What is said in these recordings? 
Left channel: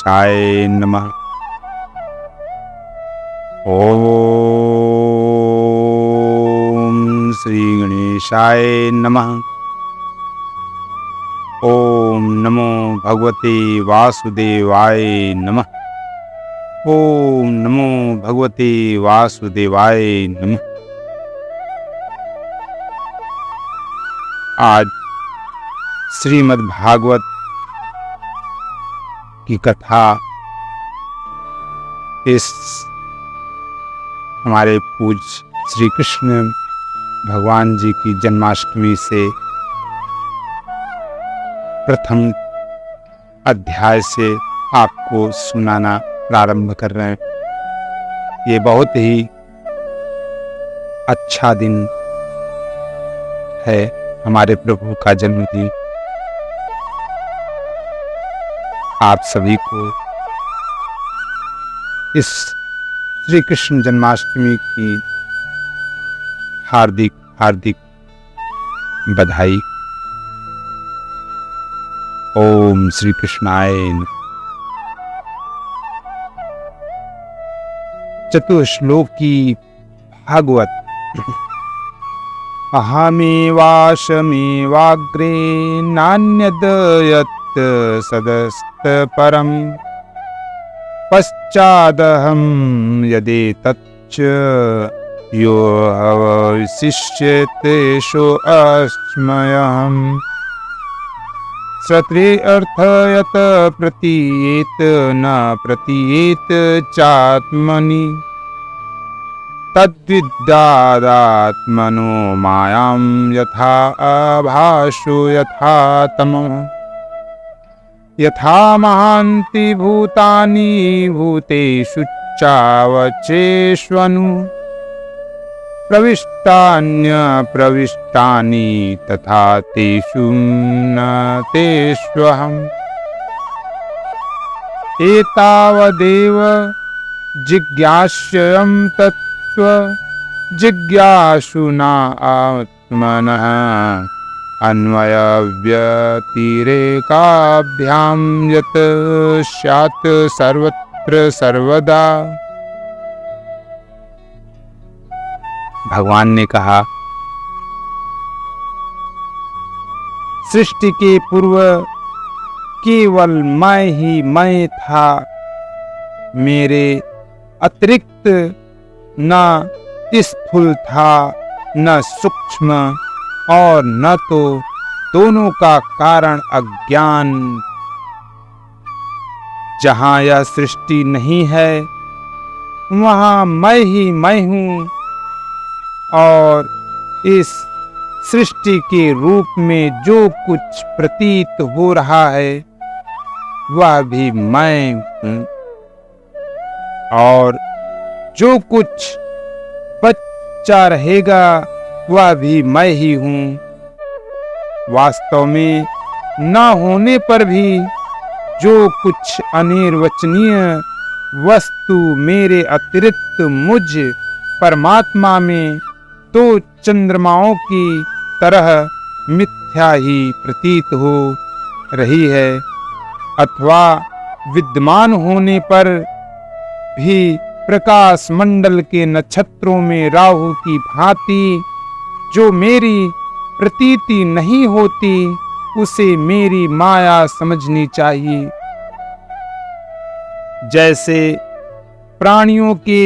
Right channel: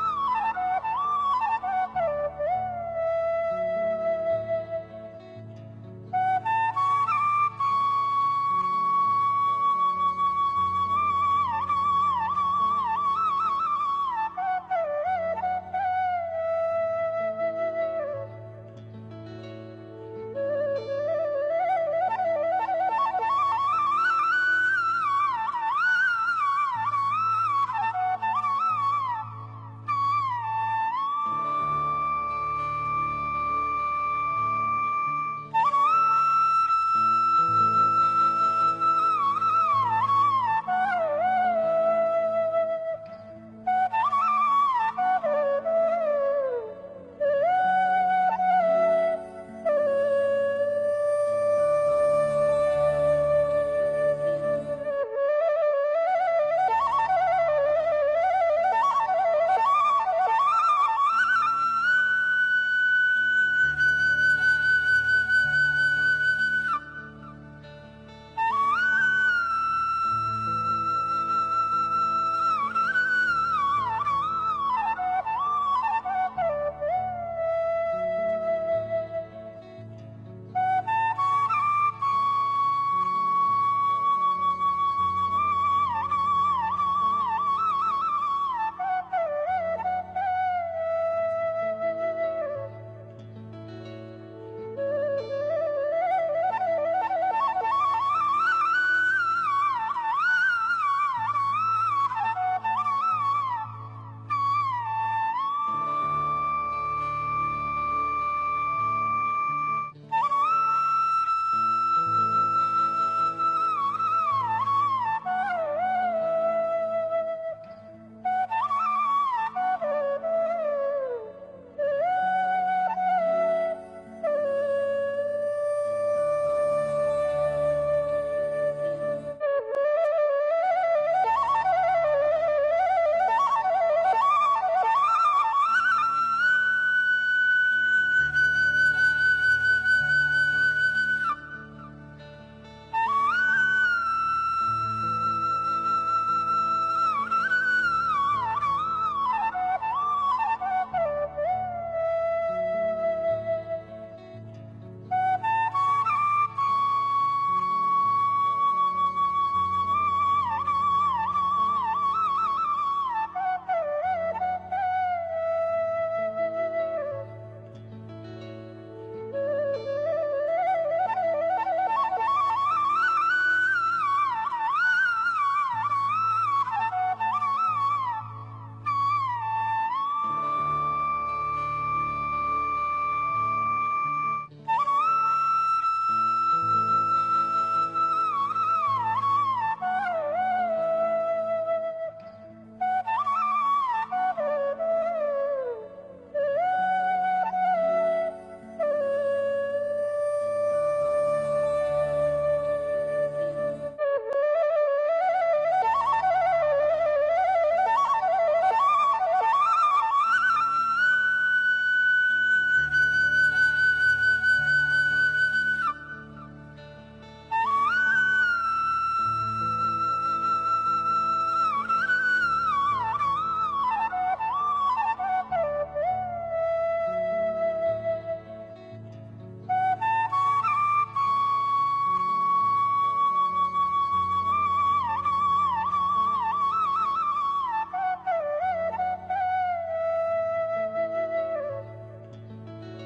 गणेशाय नमः। ओम श्री गणेशाय नमः। ओम नमो भगवते वासुदेवाय नमः। ओम नमो भगवते वासुदेवाय नमः। आज श्रीमद् भागवत की कथा इस हमारे पूज्य श्री कृष्ण भगवान जी की जन्माष्टमी से प्रथम अध्याय से आपको सुनाना प्रारंभ कर रहे हैं। ये बहुत ही अच्छा दिन है, हमारे प्रभु का जन्मदिन। आप सभी को इस श्री कृष्ण जन्माष्टमी की हार्दिक हार्दिक बधाई। ओम श्री कृष्णाय नमः। चतुश्लोकी भागवत। अहमेवाशमेवाग्रे नान्यद यत् सदस्त परम पश्चादहं यदेतच्च यो अवशिष्यते सोऽस्म्यहम्। श्रुते अर्थ यत् प्रतीयेत न प्रतीयेत चात्मनि तद्विद्यादात्मनो मायां यथा आभासो यथा तमः। यथा महान्ति भूतानि भूतेषु चावचेष्वनु प्रविष्टान्यप्रविष्टानि तथा तेषु न तेष्वहम्। एतावदेव जिज्ञास्यं तत्त्व जिज्ञासुना आत्मनः अन्वयव्यतिरेकाभ्यां यत् स्यात् सर्वत्र सर्वदा। भगवान ने कहा, सृष्टि के पूर्व केवल मैं ही मैं था। मेरे अतिरिक्त न स्थूल था न सूक्ष्म, और न तो दोनों का कारण अज्ञान। जहाँ यह सृष्टि नहीं है वहाँ मैं ही मैं हूँ, और इस सृष्टि के रूप में जो कुछ प्रतीत हो रहा है वह भी मैं हूँ, और जो कुछ बचा रहेगा वह भी मैं ही हूँ। वास्तव में न होने पर भी जो कुछ अनिर्वचनीय वस्तु मेरे अतिरिक्त मुझ परमात्मा में तो चंद्रमाओं की तरह मिथ्या ही प्रतीत हो रही है, अथवा विद्यमान होने पर भी प्रकाश मंडल के नक्षत्रों में राहु की भांति जो मेरी प्रतीति नहीं होती उसे मेरी माया समझनी चाहिए। जैसे प्राणियों के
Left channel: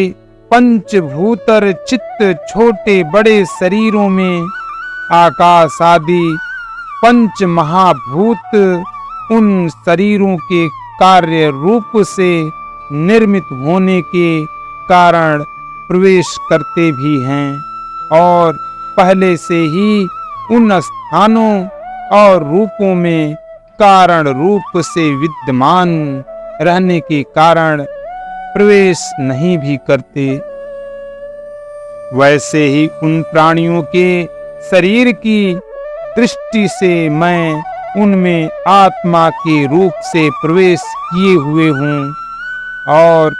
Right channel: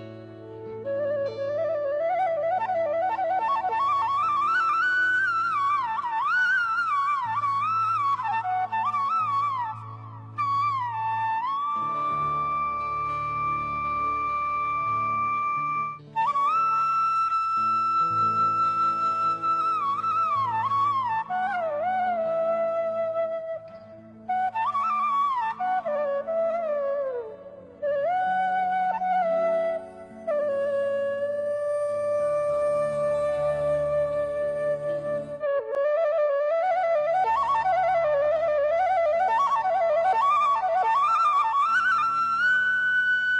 पंचभूतर चित्त छोटे बड़े शरीरों में आकाश आदि पंच महाभूत उन शरीरों के कार्य रूप से निर्मित होने के कारण प्रवेश करते भी हैं, और पहले से ही उन स्थानों और रूपों में कारण रूप से विद्यमान रहने के कारण प्रवेश नहीं भी करते। वैसे ही उन प्राणियों के शरीर की दृष्टि से मैं उनमें आत्मा के रूप से प्रवेश किए हुए हूँ, और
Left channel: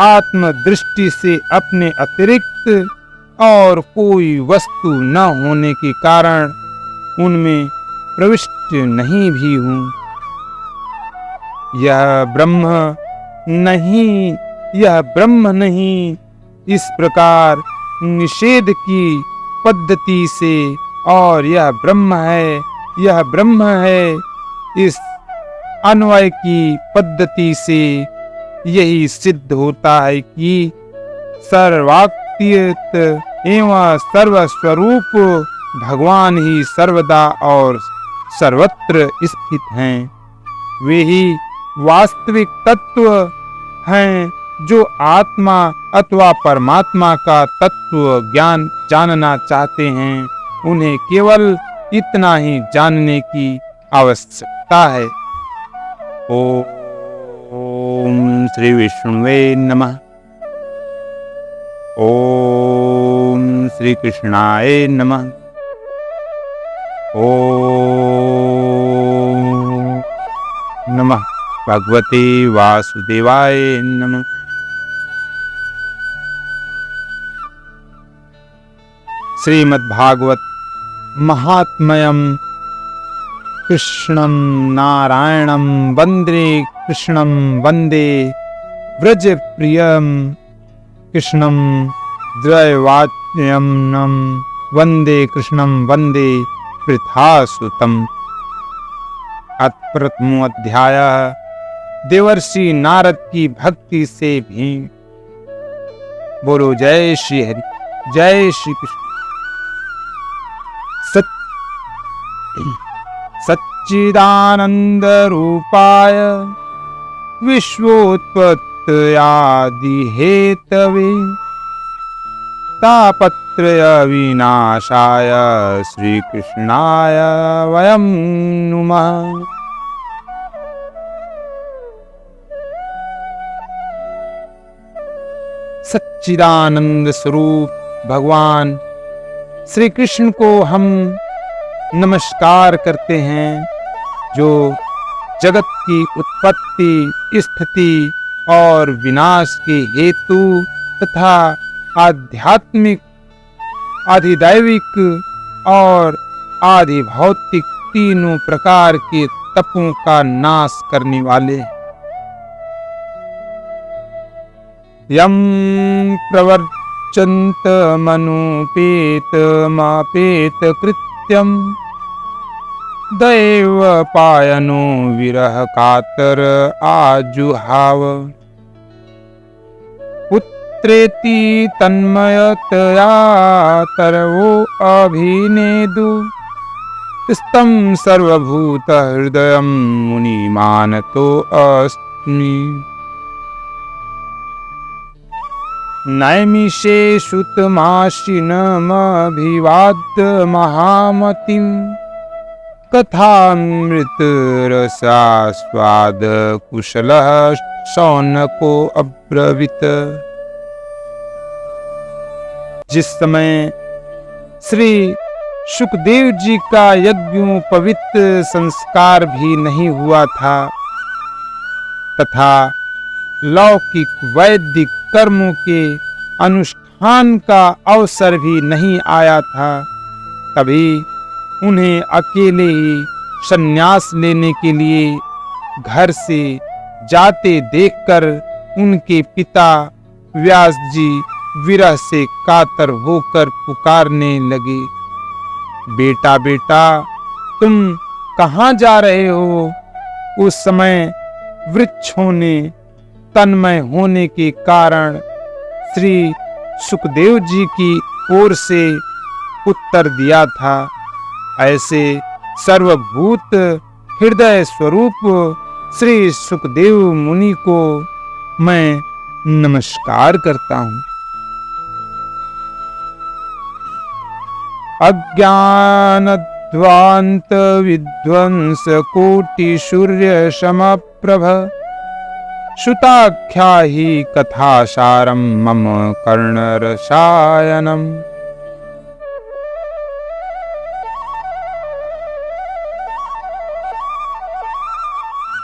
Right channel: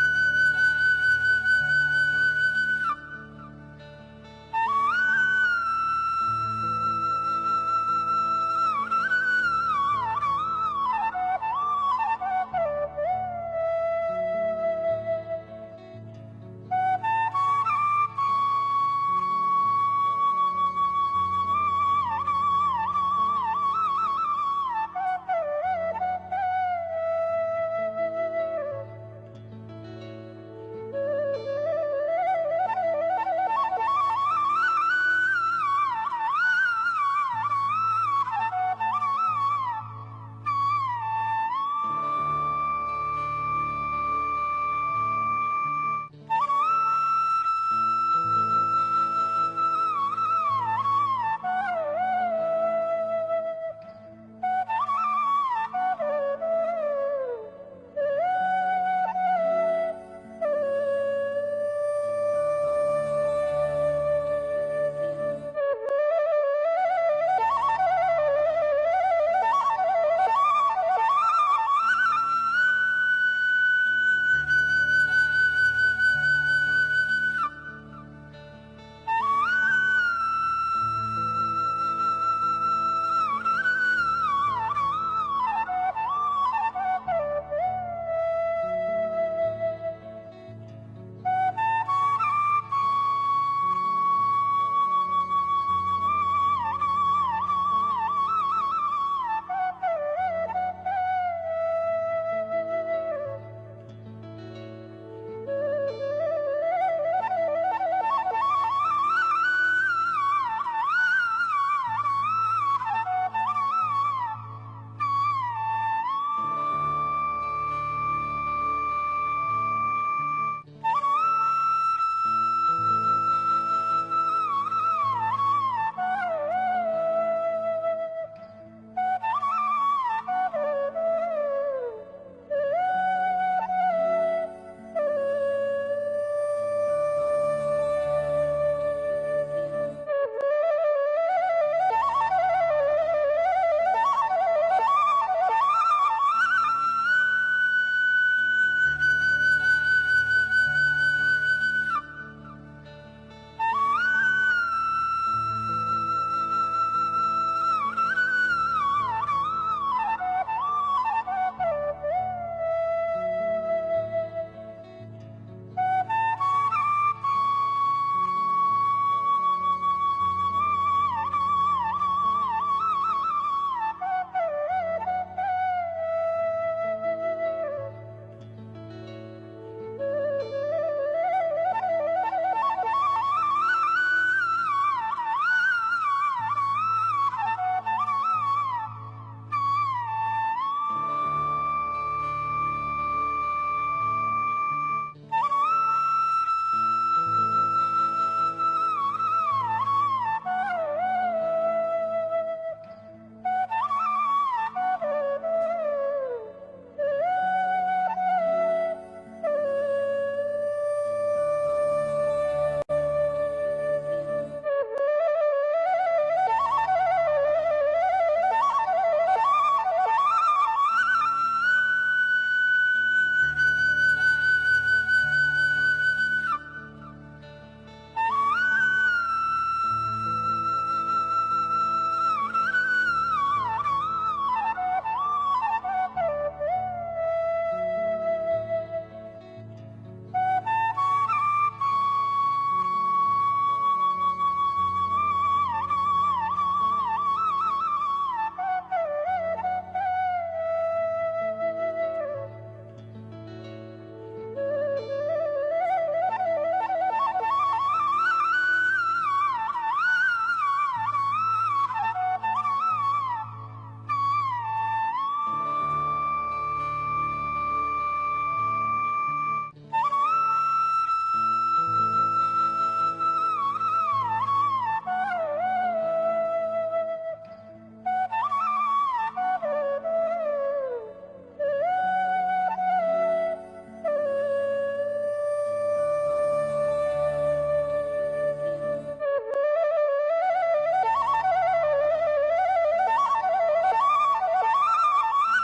आत्म दृष्टि से अपने अतिरिक्त और कोई वस्तु न होने के कारण उनमें प्रविष्ट नहीं भी हूँ। यह ब्रह्म नहीं, यह ब्रह्म नहीं, इस प्रकार निषेध की पद्धति से, और यह ब्रह्म है, यह ब्रह्म है, इस अन्वय की पद्धति से यही सिद्ध होता है कि सर्वातीत एवं सर्वस्वरूप भगवान ही सर्वदा और सर्वत्र स्थित हैं। वे ही वास्तविक तत्व हैं जो आत्मा अथवा परमात्मा का तत्व ज्ञान जानना चाहते हैं। उन्हें केवल इतना ही जानने की आवश्यकता है। ओम श्री विष्णुवे नमः। ओम श्री कृष्णाय नमः। ओम नमः भगवते वासुदेवाय नमः। श्रीमद्भागवत महात्म्यम कृष्णं नारायणं वन्दे कृष्णं वन्दे व्रजप्रियं कृष्णं द्वैवाच्यं वन्दे कृष्णं वन्दे पृथासुतम्। प्रथमो अध्याय देवर्षि नारद की भक्ति से भी। बोलो जय श्री हरि, जय श्री कृष्ण। सच्चिदानंद रूपाय विश्वोत्पत्त्यादि हेतवे तापत्रय विनाशाय श्री कृष्णाय वयं नुमः। सच्चिदानंद स्वरूप भगवान श्री कृष्ण को हम नमस्कार करते हैं, जो जगत की उत्पत्ति, स्थिति और विनाश के हेतु तथा आध्यात्मिक, आधिदैविक और आधिभौतिक तीनों प्रकार के तपों का नाश करने वाले। यम प्रवर्चन्त मनुपेत मापेत कृत्यम दैव पायनो विरह कातर आजुहाव। पुत्रेति तन्मयतया तरवो अभिनेदु स्तम सर्वभूत हृदयं मुनिमानतो अस्मि। नैमिषे श्रुतमाशिनमभिवाद्य महामतिं कथामृत रसास्वाद कुशलः शौनको अब्रवीत। जिस समय श्री सुखदेव जी का यज्ञोपवीत संस्कार भी नहीं हुआ था तथा लौकिक वैदिक कर्मों के अनुष्ठान का अवसर भी नहीं आया था, तभी उन्हें अकेले ही संन्यास लेने के लिए घर से जाते देखकर उनके पिता व्यास जी विरह से कातर होकर पुकारने लगे, बेटा बेटा तुम कहाँ जा रहे हो? उस समय वृक्षों ने तन्मय होने के कारण श्री सुखदेव जी की ओर से उत्तर दिया था। ऐसे सर्वभूत हृदय स्वरूप श्री सुखदेव मुनि को मैं नमस्कार करता हूँ। अज्ञानध्वांत विध्वंस कोटि सूर्य समप्रभ श्रुताख्या ही कथासारं मम कर्णरसायनम्।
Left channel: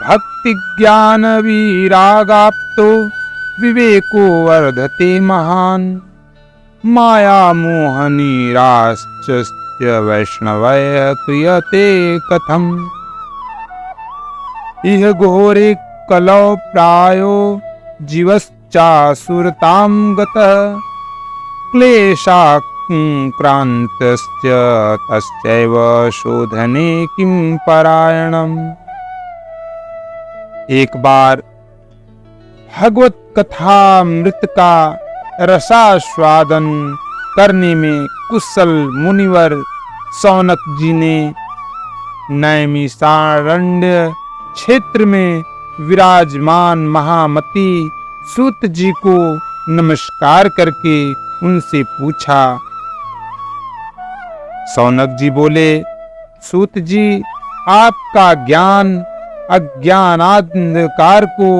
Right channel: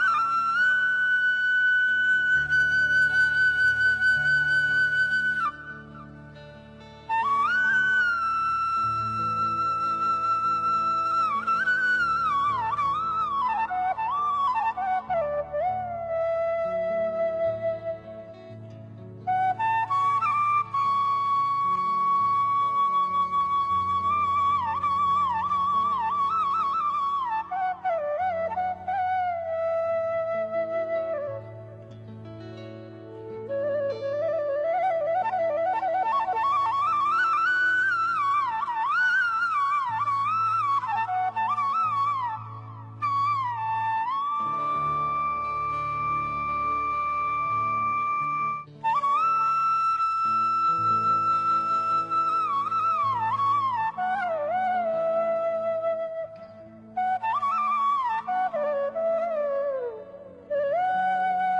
भक्ति ज्ञान विरागाप्तो विवेको वर्धते महान् माया मोह निराश्च वैष्णवय क्रियते कथम्। इह घोरे कलौ प्रायो जीवश्चासुरतां गतः क्लेशाक्रान्तस्य तस्यैव शोधने किं परायणम्। एक बार भगवत कथामृत का रसास्वादन करने में कुशल मुनिवर शौनक जी ने नैमिषारण्य क्षेत्र में विराजमान महामती सूत जी को नमस्कार करके उनसे पूछा। शौनक जी बोले, सूत जी, आपका ज्ञान अज्ञानांधकार को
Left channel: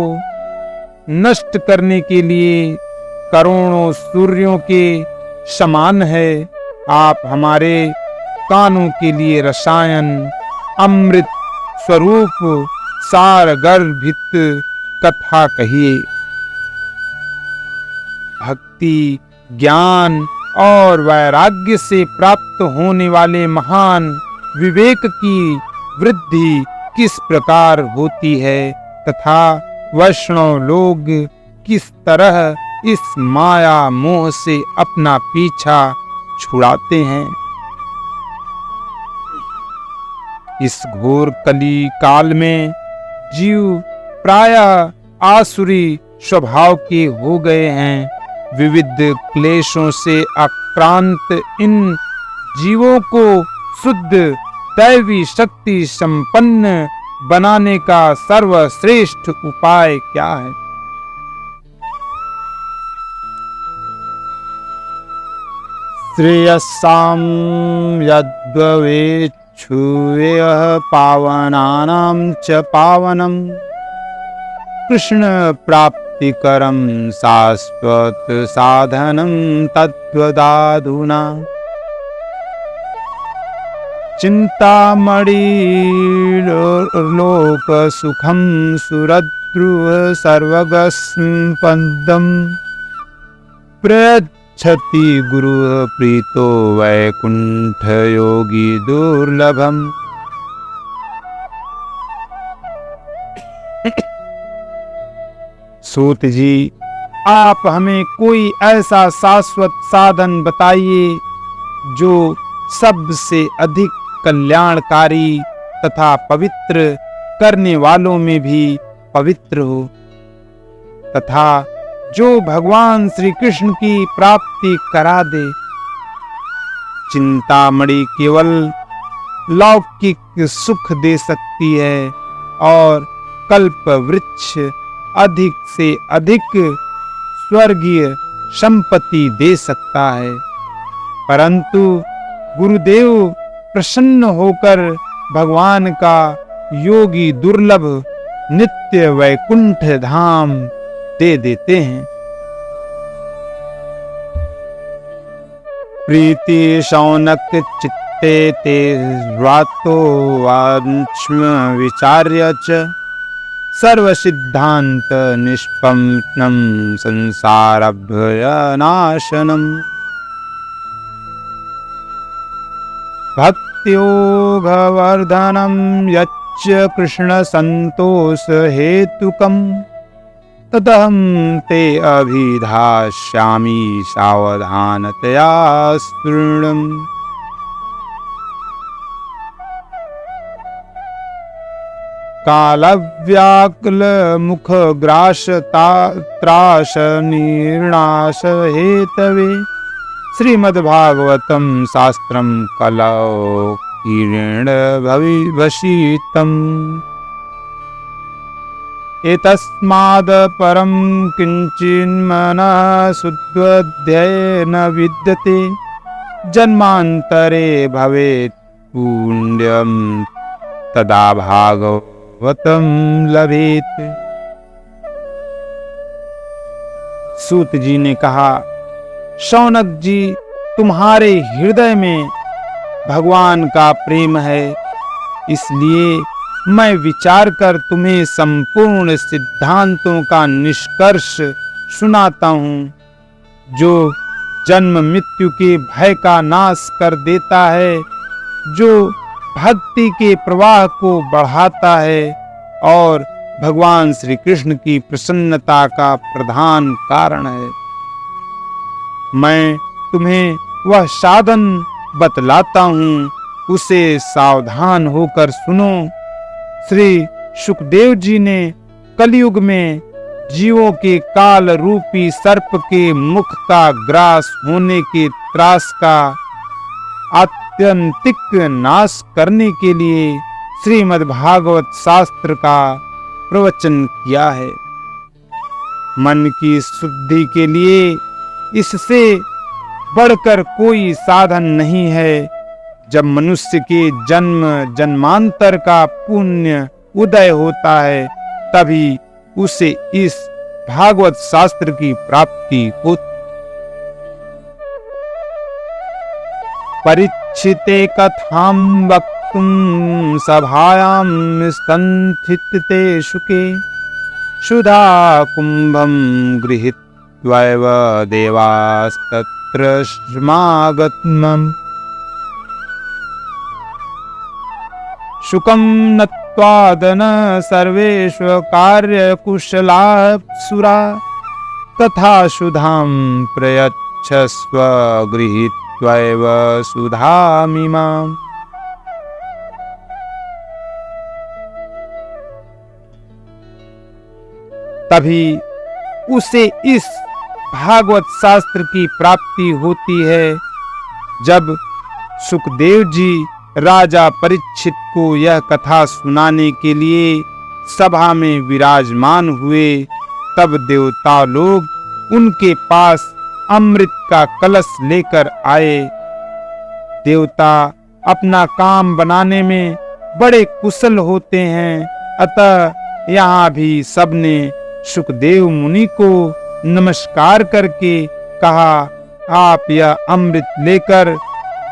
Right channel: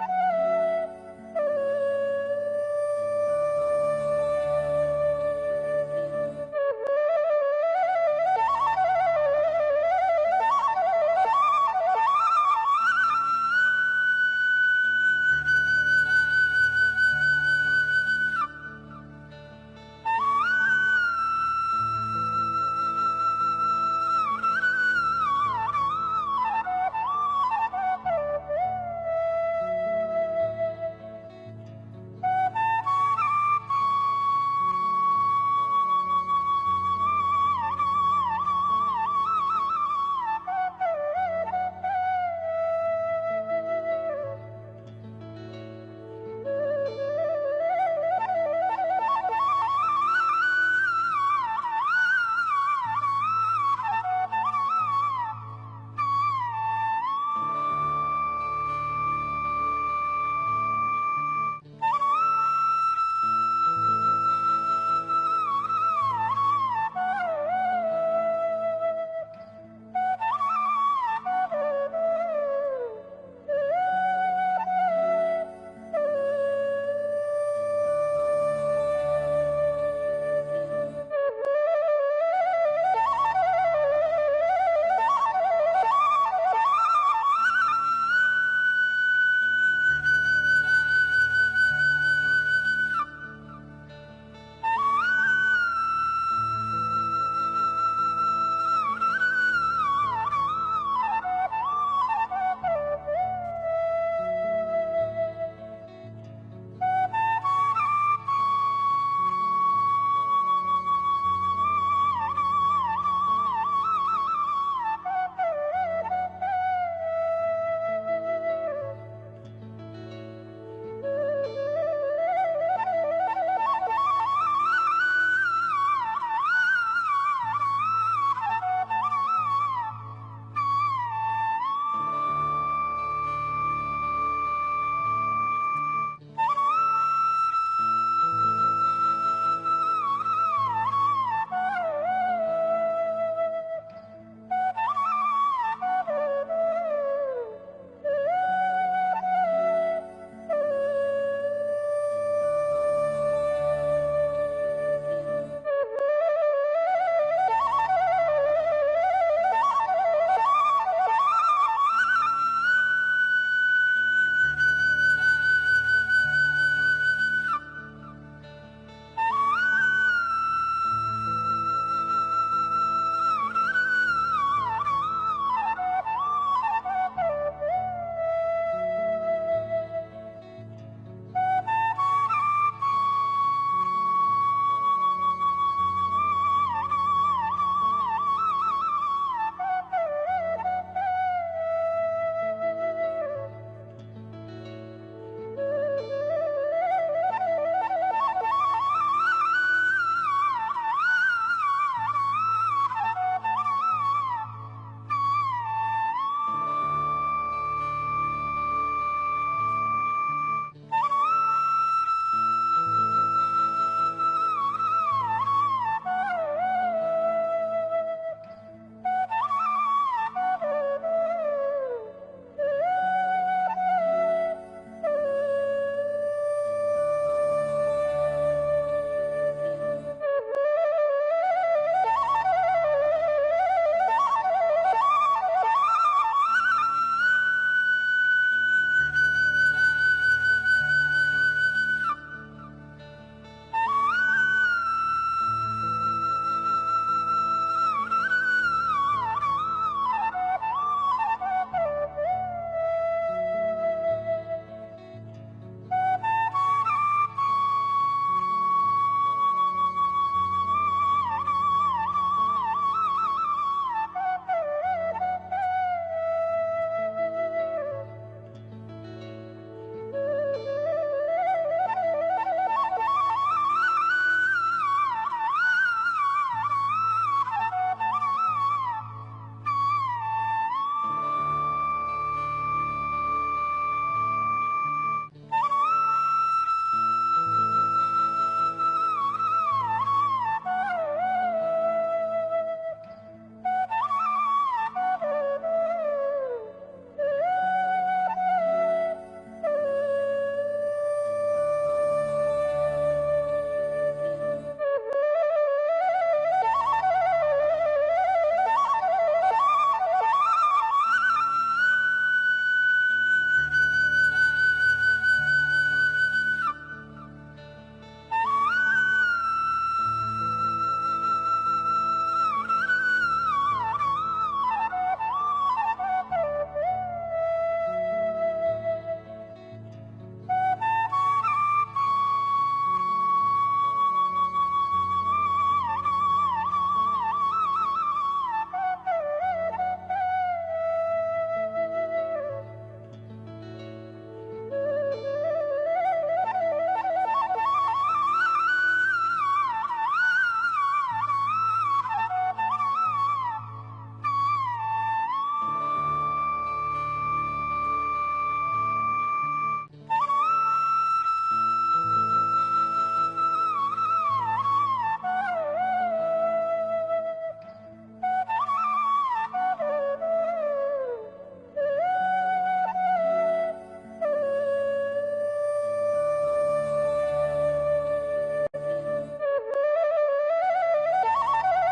नष्ट करने के लिए करोड़ों सूर्यों के समान है। आप हमारे कानों के लिए रसायन अमृत स्वरूप सारगर्भित कथा कहिए। भक्ति, ज्ञान और वैराग्य से प्राप्त होने वाले महान विवेक की वृद्धि किस प्रकार होती है तथा वैष्णव लोग किस तरह इस माया मोह से अपना पीछा छुड़ाते हैं। इस घोर कली काल में जीव प्रायः आसुरी स्वभाव के हो गए हैं। विविध क्लेशों से आक्रांत इन जीवों को शुद्ध दैवी शक्ति संपन्न बनाने का सर्वश्रेष्ठ उपाय क्या है? श्रेयस्सां यद्भवेच्छुवेह पावनानां च पावनम् कृष्ण प्राप्तिकरं शाश्वत साधनं तद्वदाधुना। चिंतामणि लोक सुखं सुरद्रुव सर्वगस्पन्दं प्रयच्छति गुरु प्रीतो वैकुंठ योगी दुर्लभम्। सूत जी, आप हमें कोई ऐसा शाश्वत साधन बताइए जो सबसे अधिक कल्याणकारी तथा पवित्र करने वालों में भी पवित्र हो तथा जो भगवान श्री कृष्ण की प्राप्ति करा दे। चिंतामणि केवल लौकिक सुख दे सकती है और कल्प वृक्ष अधिक से अधिक स्वर्गीय संपत्ति दे सकता है, परंतु गुरुदेव प्रसन्न होकर भगवान का योगी दुर्लभ नित्य वैकुंठ धाम दे देते हैं। प्रीति शौनक चित्ते ते व्रातो वांश्म विचार्य च सर्व सिद्धांत निष्पन्नं संसारभयनाशनम्। भक्त्योगवर्धनं यच्च कृष्ण संतोष हेतुकं तदहं ते अभिधास्यामि सावधानतया शृणुम्। कालव्याकुल मुख ग्रास त्रास निर्णाश हेतवे श्रीमद्भागवतं शास्त्रं कलौ किरेण भविभसीतम्। एतस्माद् परं किञ्चिन्मनः शुद्धोऽध्ययेन विद्यते जन्मान्तरे भवेत् पुण्यं तदा भागवतं लभेत। सूत जी ने कहा, शौनक जी, तुम्हारे हृदय में भगवान का प्रेम है, इसलिए मैं विचार कर तुम्हें संपूर्ण सिद्धांतों का निष्कर्ष सुनाता हूँ, जो जन्म मृत्यु के भय का नाश कर देता है, जो भक्ति के प्रवाह को बढ़ाता है और भगवान श्री कृष्ण की प्रसन्नता का प्रधान कारण है। मैं तुम्हें वह साधन बतलाता हूँ, उसे सावधान होकर सुनो। श्री सुखदेव जी ने कलयुग में जीवों के काल रूपी सर्प के मुख का ग्रास होने के त्रास का आत्यंतिक नाश करने के लिए श्रीमद् भागवत शास्त्र का प्रवचन किया है। मन की शुद्धि के लिए इससे बढ़कर कोई साधन नहीं है। जब मनुष्य के जन्म जन्मांतर का पुण्य उदय होता है, तभी उसे इस भागवत शास्त्र की प्राप्ति होती। परीक्षिते कथां वक्तुं सभायां संस्थिते शुके सुधा कुंभं गृहीत्वैव देवास्तत्र समागतम्। शुकं नत्वादन सर्वेषु कार्यकुशलाप्सुरा तथा सुधां प्रयच्छस्व गृहीत्वैव सुधामिमाम्। तभी उसे इस भागवत शास्त्र की प्राप्ति होती है। जब सुखदेव जी राजा परीक्षित को यह कथा सुनाने के लिए सभा में विराजमान हुए, तब देवता लोग उनके पास अमृत का कलश लेकर आए। देवता अपना काम बनाने में बड़े कुशल होते हैं, अतः यहाँ भी सबने सुखदेव मुनि को नमस्कार करके कहा, आप यह अमृत लेकर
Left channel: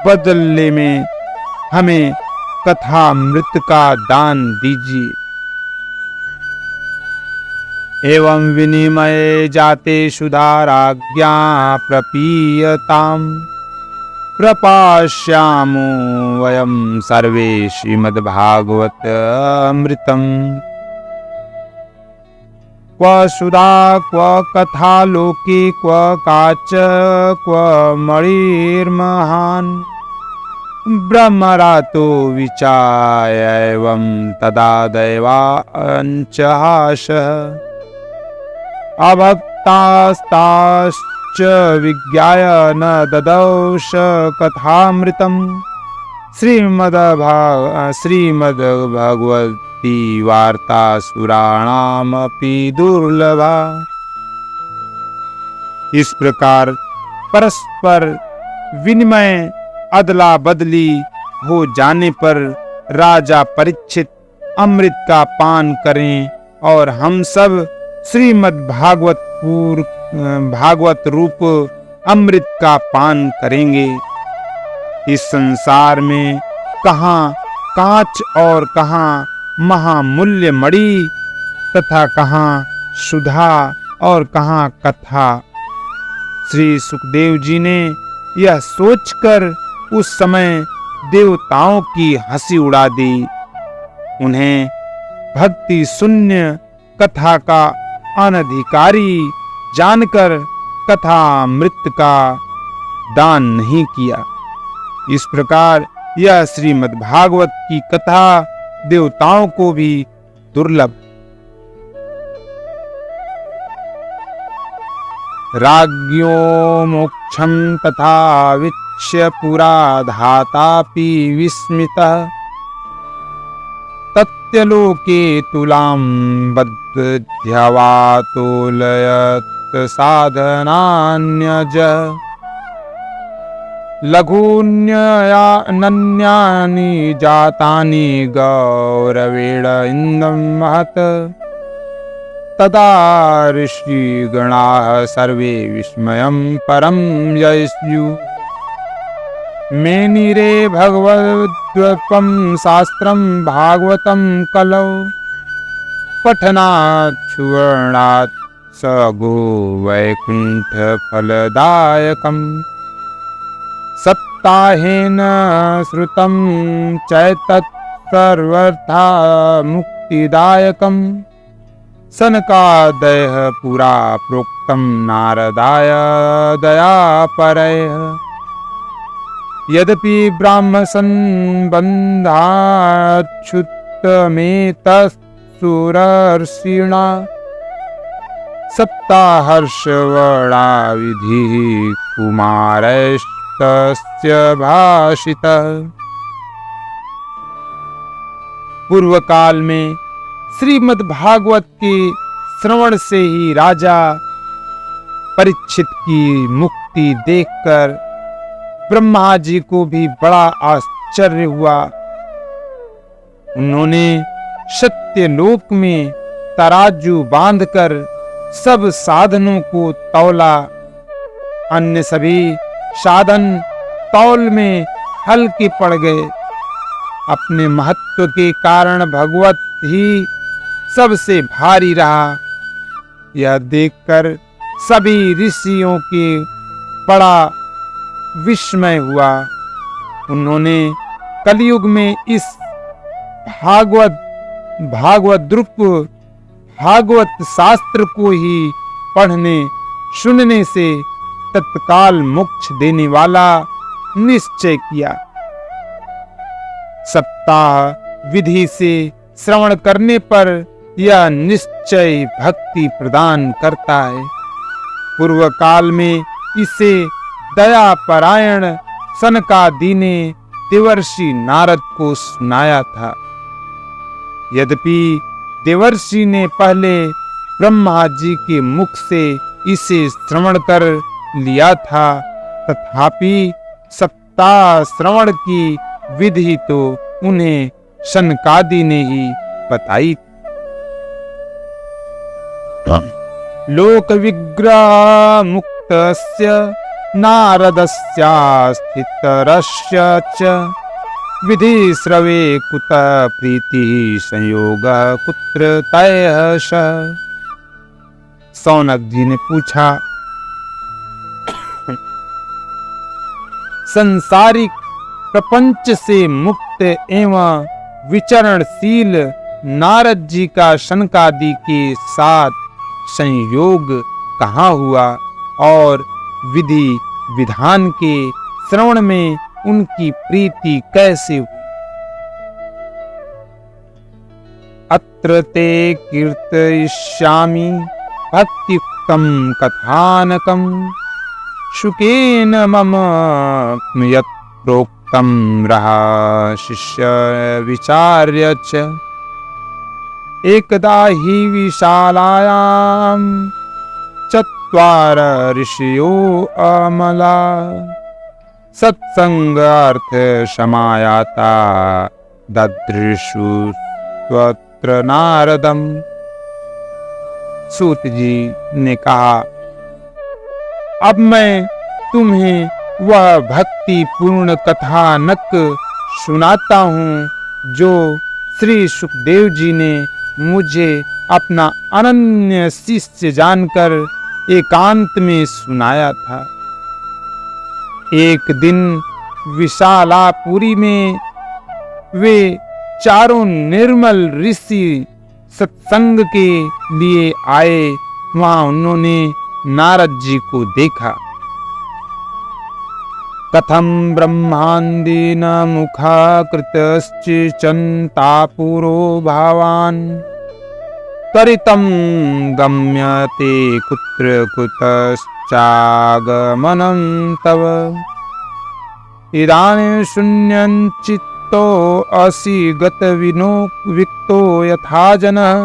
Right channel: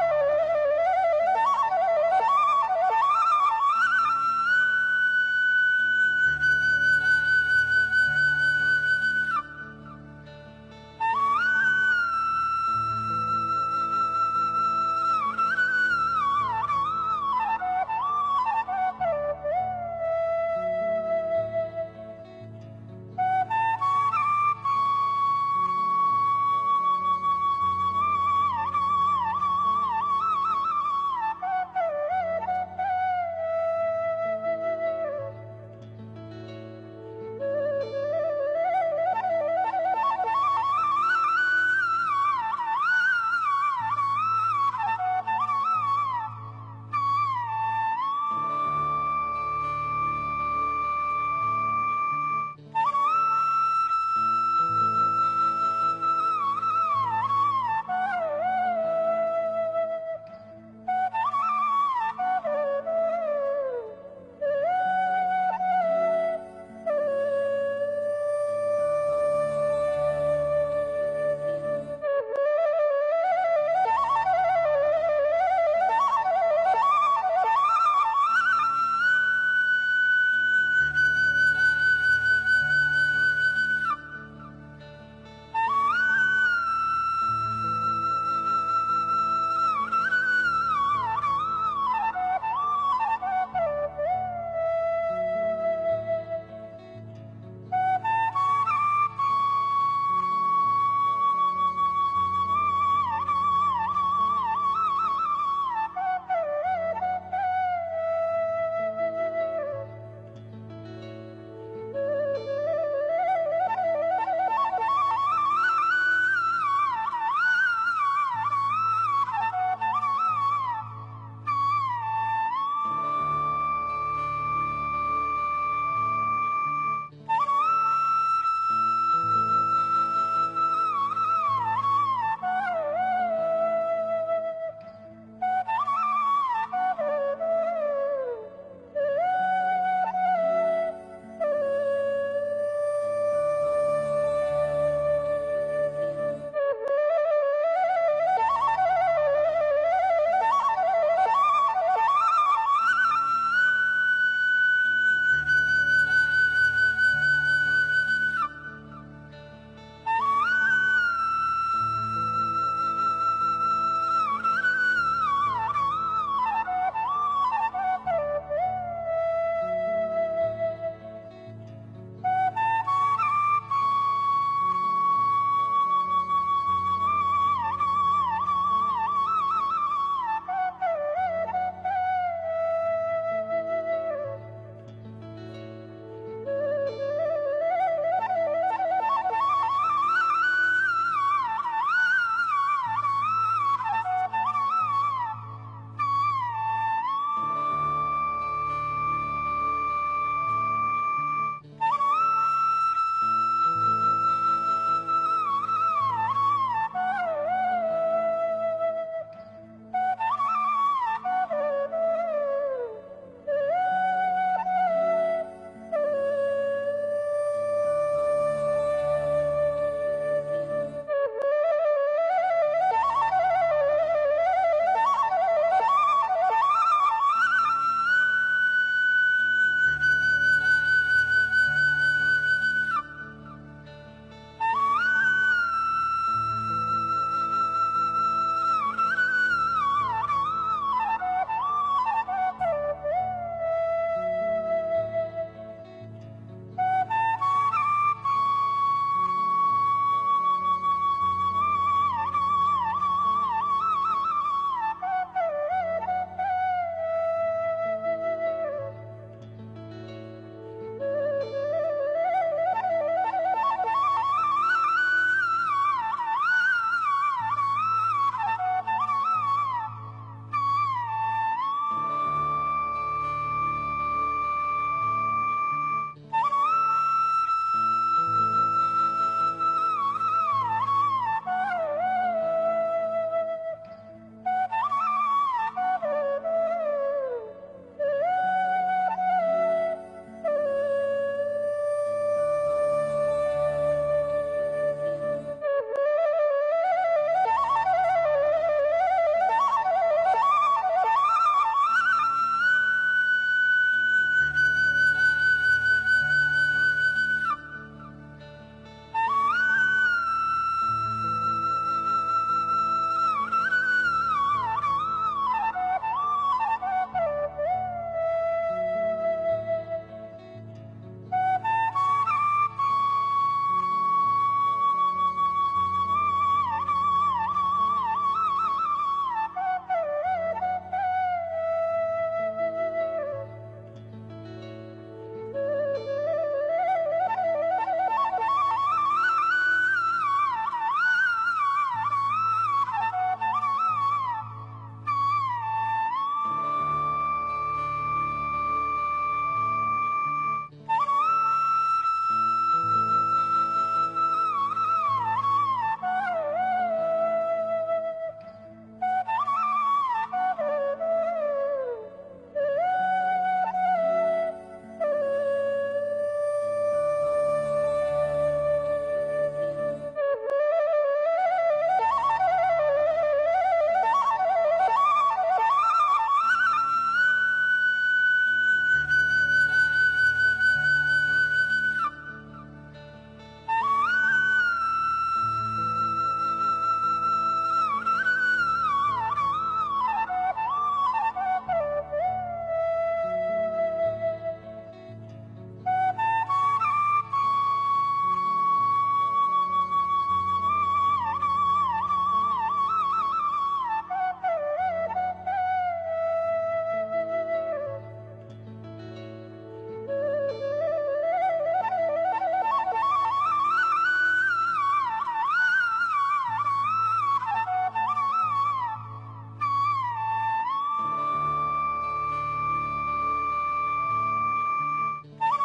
बदले में हमें कथामृत का दान दीजिए। एवं विनिमये जाते सुधाराज्ञा प्रपीयताम् प्रपास्यामो वयं सर्वे श्रीमद्भागवत अमृतम्। क्व सुधा क्व कथा लोके क्व काच क्व मणिर्महान् ब्रह्मरातो विचाय एवं तदा दैवांचहासः अभक्तास्ताश्च विज्ञाय न ददौष कथामृतम्। श्रीमद्भगवती वार्ता सुराणामपि दुर्लभा। इस प्रकार परस्पर विनिमय अदला बदली हो जाने पर राजा परीक्षित अमृत का पान करें और हम सब श्रीमद् भागवत रूप अमृत का पान करेंगे। इस संसार में कहाँ कांच और कहाँ महामूल्य मणि तथा कहाँ सुधा और कहाँ कथा। श्री सुखदेव जी ने यह सोचकर उस समय देवताओं की हंसी उड़ा दी। उन्हें भक्ति शून्य कथा का अनधिकारी जानकर कथामृत का दान नहीं किया। इस प्रकार यह श्रीमद् भागवत की कथा देवताओं को भी दुर्लभ। राज्ञो मोक्षं तथा वीक्ष्य पुरा धातापि विस्मितः तत्यलोके तुलां बद्ध्यवातोलयत् साधनान्यज। लघून्यनन्यानि जातानि गौरवेण इन्दं महत्। तदा ऋषिगणाः सर्वे विस्मयं परं जयस्युः। मेनिरे भगवद्गीतं शास्त्रं भागवतं कलौ पठनात् सुवर्णात् सगो वैकुण्ठफलदायकम्। सप्ताहेन श्रुतं चैतत् सर्वथा मुक्तिदायकम्। सनकादयः पुरा प्रोक्तं नारदाय दयापरयः। यद्यपि ब्राह्मसंबन्धाच्छुतमेतत्सुरर्षिणा सप्ताहर्षवर्णा विधिः कुमारस्तस्य भाषितः। पूर्व काल में श्रीमद् भागवत के श्रवण से ही राजा परीक्षित की मुक्ति देखकर ब्रह्मा जी को भी बड़ा आश्चर्य हुआ। उन्होंने सत्यलोक में तराजू बांधकर सब साधनों को तौला। अन्य सभी साधन तौल में हल्के पड़ गए। अपने महत्व के कारण भगवत ही सबसे भारी रहा। यह देखकर सभी ऋषियों के बड़ा विस्मय हुआ। उन्होंने कलयुग में इस भागवत शास्त्र को ही पढ़ने सुनने से तत्काल मोक्ष देने वाला निश्चय किया। सप्ताह विधि से श्रवण करने पर यह निश्चय भक्ति प्रदान करता है। पूर्व काल में इसे दयापरायण सनकादि ने देवर्षि नारद को सुनाया था। यद्यपि देवर्षि ने पहले ब्रह्मा जी के मुख से इसे श्रवण कर लिया था, तथापि सप्ताह श्रवण की विधि तो उन्हें सनकादि ने ही बताई। लोक विग्रह मुक्तस्य नारदस्यास्थितरस्य च विधि श्रवे कुत प्रीति संयोग कुत्र तयः स। सौनक जी ने पूछा, संसारिक प्रपंच से मुक्त एवं विचरणशील नारद जी का सनकादि के साथ संयोग कहाँ हुआ और विधि विधान के श्रवण में उनकी प्रीति कैसे हुई? अत्र ते कीर्तयिष्यामि भक्तियुक्तं कथानकं शुकेन मम यत् प्रोक्तं रहा शिष्य विचार्य च। एकदा हि विशालायां चत्वार ऋषयो अमला सत्संगार्थ समायाता ददृशु स्वत्र नारदम। सूत जी ने कहा, अब मैं तुम्हें वह भक्ति पूर्ण कथानक सुनाता हूँ जो श्री सुखदेव जी ने मुझे अपना अनन्य शिष्य जानकर एकांत में सुनाया था। एक दिन विशालापुरी में वे चारों निर्मल ऋषि सत्संग के लिए आए। वहां उन्होंने नारद जी को देखा। कथम ब्रह्मांडेन मुखाकृतश्चिन्तापुरो भावान् त्वरितं गम्यते कुत्र कुतश्चागमनं तव। इदानीं शून्यं चित्तो असि गतविनो विक्तो यथा जनः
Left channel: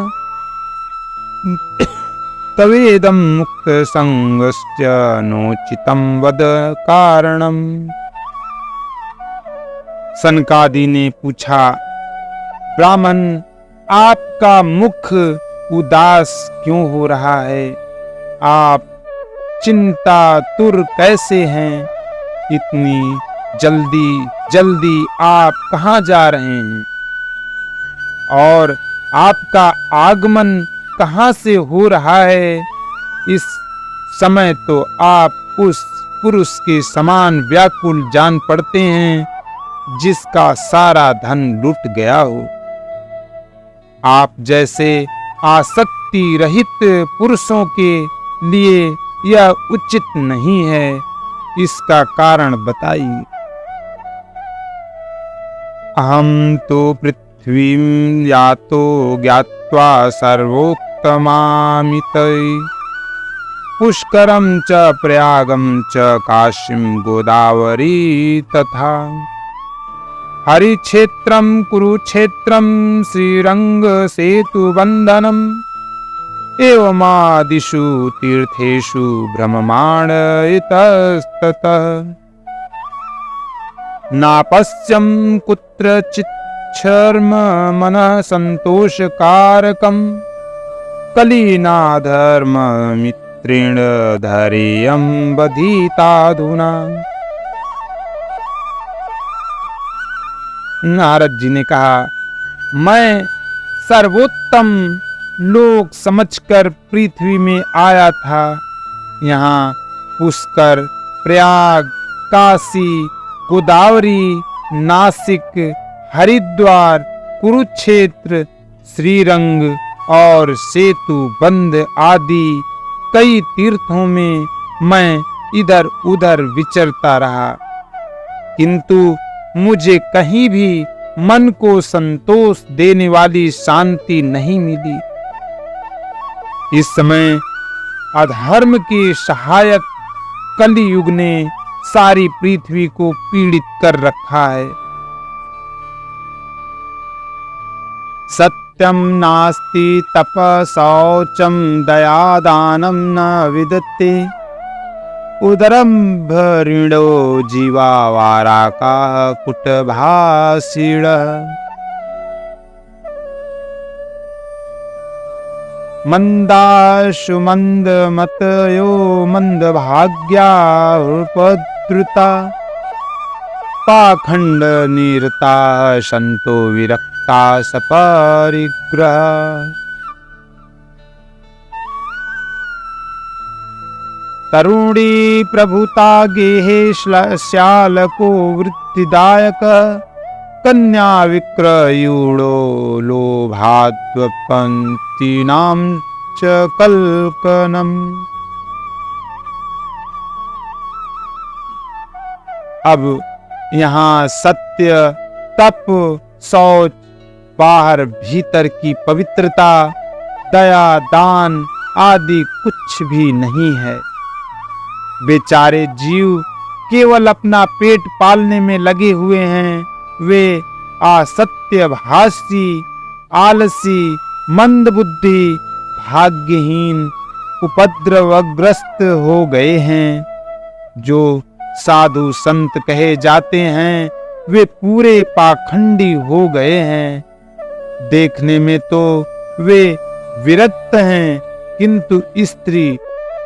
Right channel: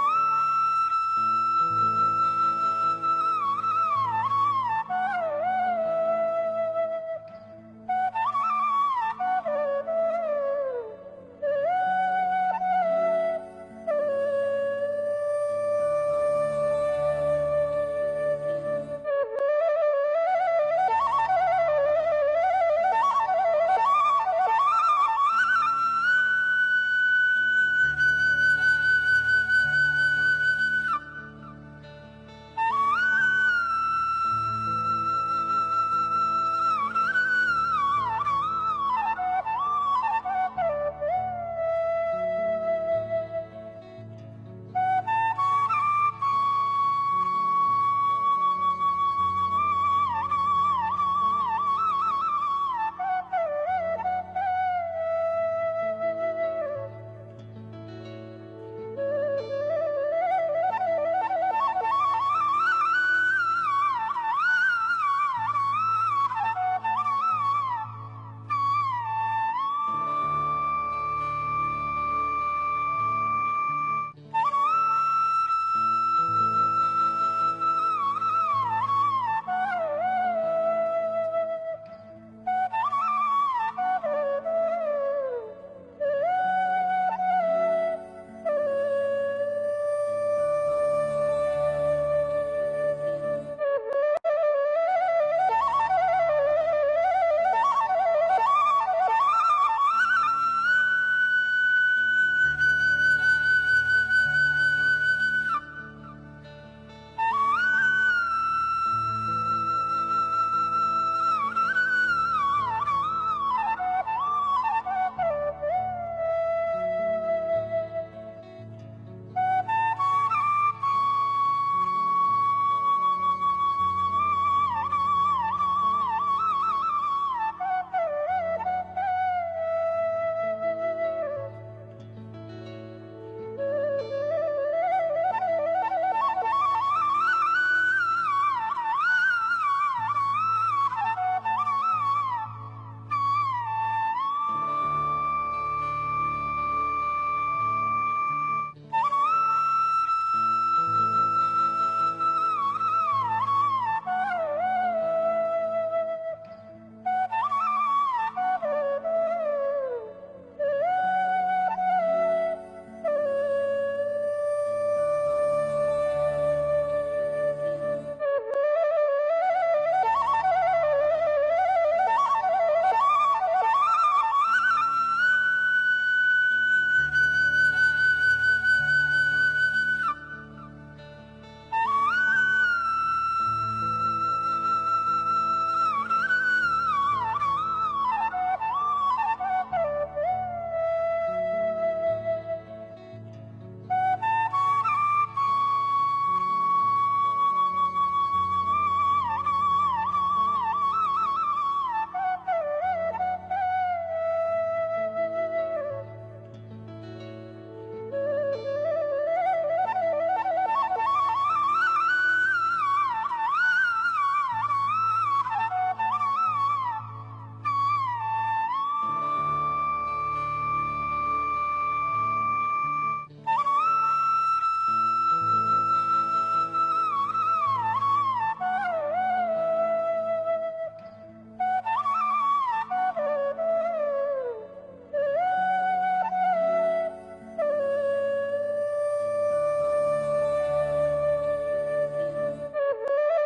तवेदं मुक्त संगस्य नोचितं वद कारणम्। सनकादि ने पूछा, ब्राह्मण, आपका मुख उदास क्यों हो रहा है? आप चिंतातुर कैसे हैं? इतनी जल्दी जल्दी आप कहाँ जा रहे हैं? और आपका आगमन कहाँ से हो रहा है? इस समय तो आप उस पुरुष के समान व्याकुल जान पड़ते हैं जिसका सारा धन लुट गया हो। आप जैसे आसक्त शांति रहित पुरुषों के लिए यह उचित नहीं है। इसका कारण बताइए। अहम तो पृथ्वीं यातो ज्ञात्वा सर्वोत्तमामितै पुष्करं च प्रयागं च काशीं गोदावरी तथा हरिक्षेत्रं कुरुक्षेत्रं श्रीरङ्गसेतुबन्धनम् एवमादिषु तीर्थेषु भ्रममाण इतस्ततः नापश्यं कुत्रचिच्छर्म मनः सन्तोषकारकं कलिनाधर्ममित्रेण धैर्यं बधिताधुना। नारद जी ने कहा, मैं सर्वोत्तम लोक समझकर पृथ्वी में आया था। यहाँ पुष्कर, प्रयाग, काशी, गोदावरी, नासिक, हरिद्वार, कुरुक्षेत्र, श्रीरंग और सेतु बंध आदि कई तीर्थों में मैं इधर उधर विचरता रहा, किंतु मुझे कहीं भी मन को संतोष देने वाली शांति नहीं मिली। इस समय अधर्म के सहायक कलियुग ने सारी पृथ्वी को पीड़ित कर रखा है। सत्यं नास्ति तप शौचं दयादानं न विदते उदरं भरिणो जीवा वाराका कुटभाषिण। मंदाशु मंदमतयो मंदभाग्या उपद्रुता पाखंड निरता संतो विरक्ता सपरिग्रह। तरुणी प्रभुता गेहे श्यालको वृत्तिदायक कन्या विक्रयूणो लोभाद्वपन्तीनां च कल्कनम्। अब यहाँ सत्य, तप, शौच, बाहर भीतर की पवित्रता, दया, दान आदि कुछ भी नहीं है। बेचारे जीव केवल अपना पेट पालने में लगे हुए हैं। वे असत्यभाषी, आलसी, मंदबुद्धि, भाग्यहीन, उपद्रवग्रस्त हो गए हैं। जो साधु संत कहे जाते हैं वे पूरे पाखंडी हो गए हैं। देखने में तो वे विरक्त हैं, किंतु स्त्री,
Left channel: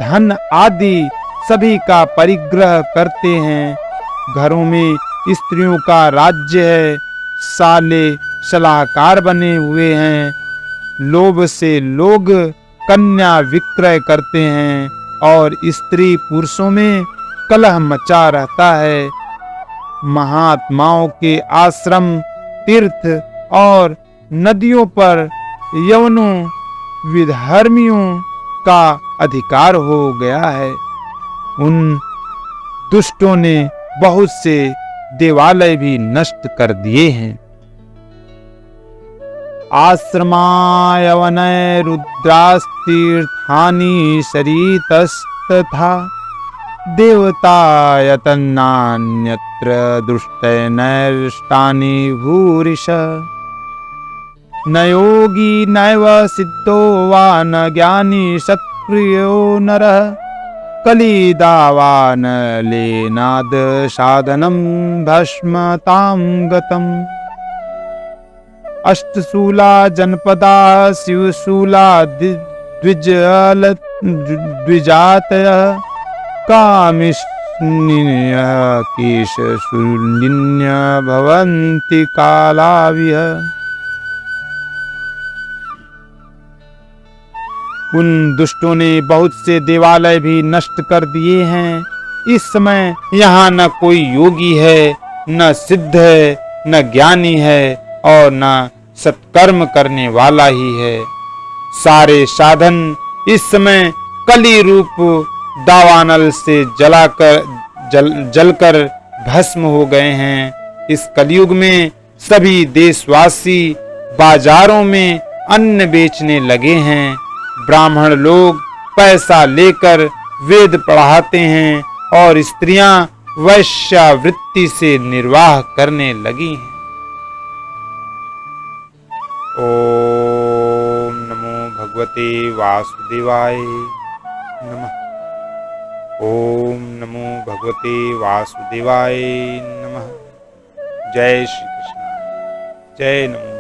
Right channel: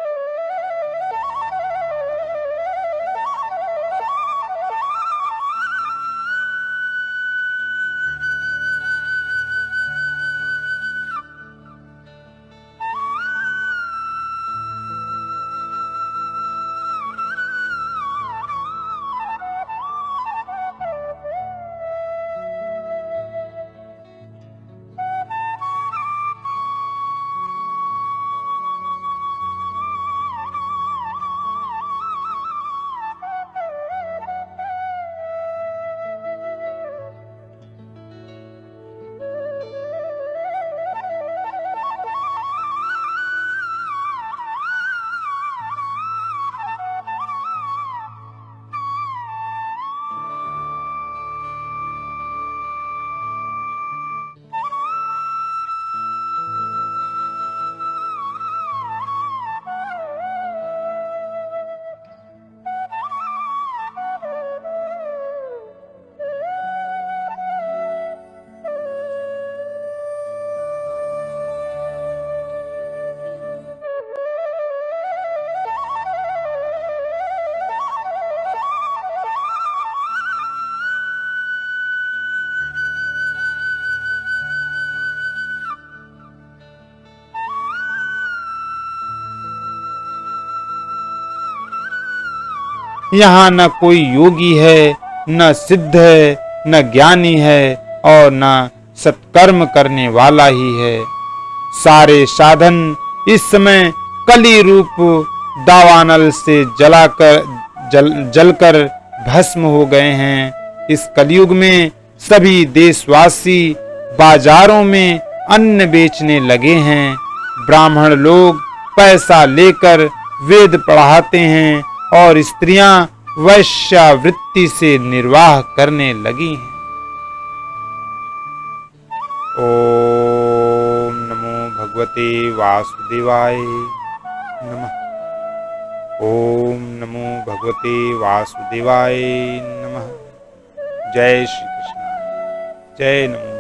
धन आदि सभी का परिग्रह करते हैं। घरों में स्त्रियों का राज्य है। साले सलाहकार बने हुए हैं। लोभ से लोग कन्या विक्रय करते हैं और स्त्री पुरुषों में कलह मचा रहता है। महात्माओं के आश्रम, तीर्थ और नदियों पर यवनों, विधर्मियों का अधिकार हो गया है। उन दुष्टों ने बहुत से देवालय भी नष्ट कर दिए हैं। आश्रमायवनय रुद्रास्तीर्थानि शरीतस्तथा देवतायतन्नान्यत्र दुष्टैर्नष्टानि भूरिश। न योगी नैव सिद्धो वा न ज्ञानी सक्रियो नरः कलिदावान लेनाद साधनम भस्मतां गतम्। अष्टशूला जनपदा शिवशूला द्विजातयः कामिष्ण्यः केशशूलिन्य भवन्ति कालाविह। उन दुष्टों ने बहुत से देवालय भी नष्ट कर दिए हैं। इस समय यहाँ न कोई योगी है, न सिद्ध है, न ज्ञानी है और न सत्कर्म करने वाला ही है। सारे साधन इस समय कली रूप दावानल से जलकर भस्म हो गए हैं। इस कलयुग में सभी देशवासी बाजारों में अन्न बेचने लगे हैं। ब्राह्मण लोग पैसा लेकर वेद पढ़ाते हैं और स्त्रियां वैश्यावृत्ति से निर्वाह करने लगी हैं। ओम नमो भगवते वासुदेवाय नमः। ओम नमो भगवते वासुदेवाय नमः। जय श्री कृष्ण। जय नमो